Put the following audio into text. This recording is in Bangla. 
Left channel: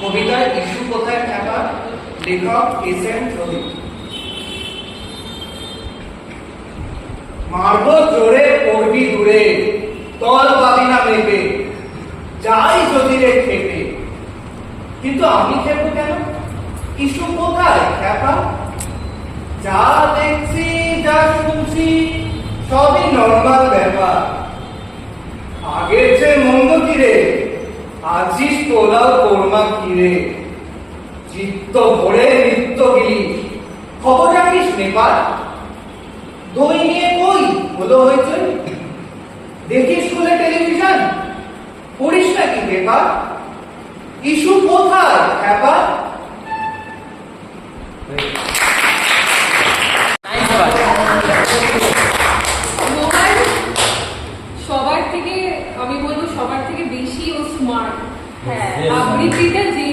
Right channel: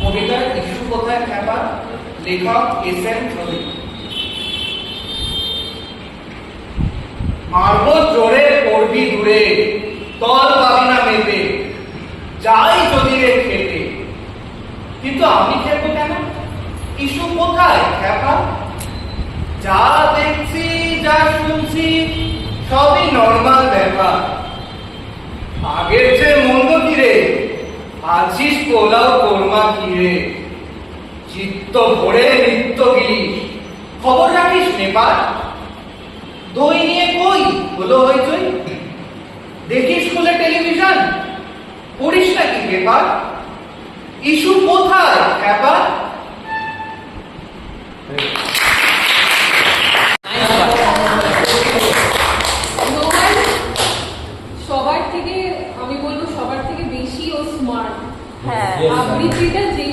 কবিতা ইস্যু কোথায় খ্যাপা? লেখক এস এন প্রদীপ। মারবো জোরে, পড়বি দূরে, তল পাবি না মেপে, যাই যদি রে খেতে কিন্তু আমি খেলব কেন? ইস্যু কোথায় খ্যাপা? যা দেখছি, যা শুনছি, সবই নর্মাল ব্যাপার। আগের যে মন্দ কিরে আছিস পোলাও কোরমা কিরে চিত্ত ভরে নিত্য গিলি খবর রাখিস নেপাল। দই নিয়ে কই? হলো হইচই। দেখিস স্কুলে টেলিভিশন। পড়িস নাকি পেপার ইস্যু কোথায় হ্যাপার রোহান সবার থেকে আমি বলব সবার থেকে বেশি ও স্মার্ট হ্যাঁ। আবৃত্তিটা যে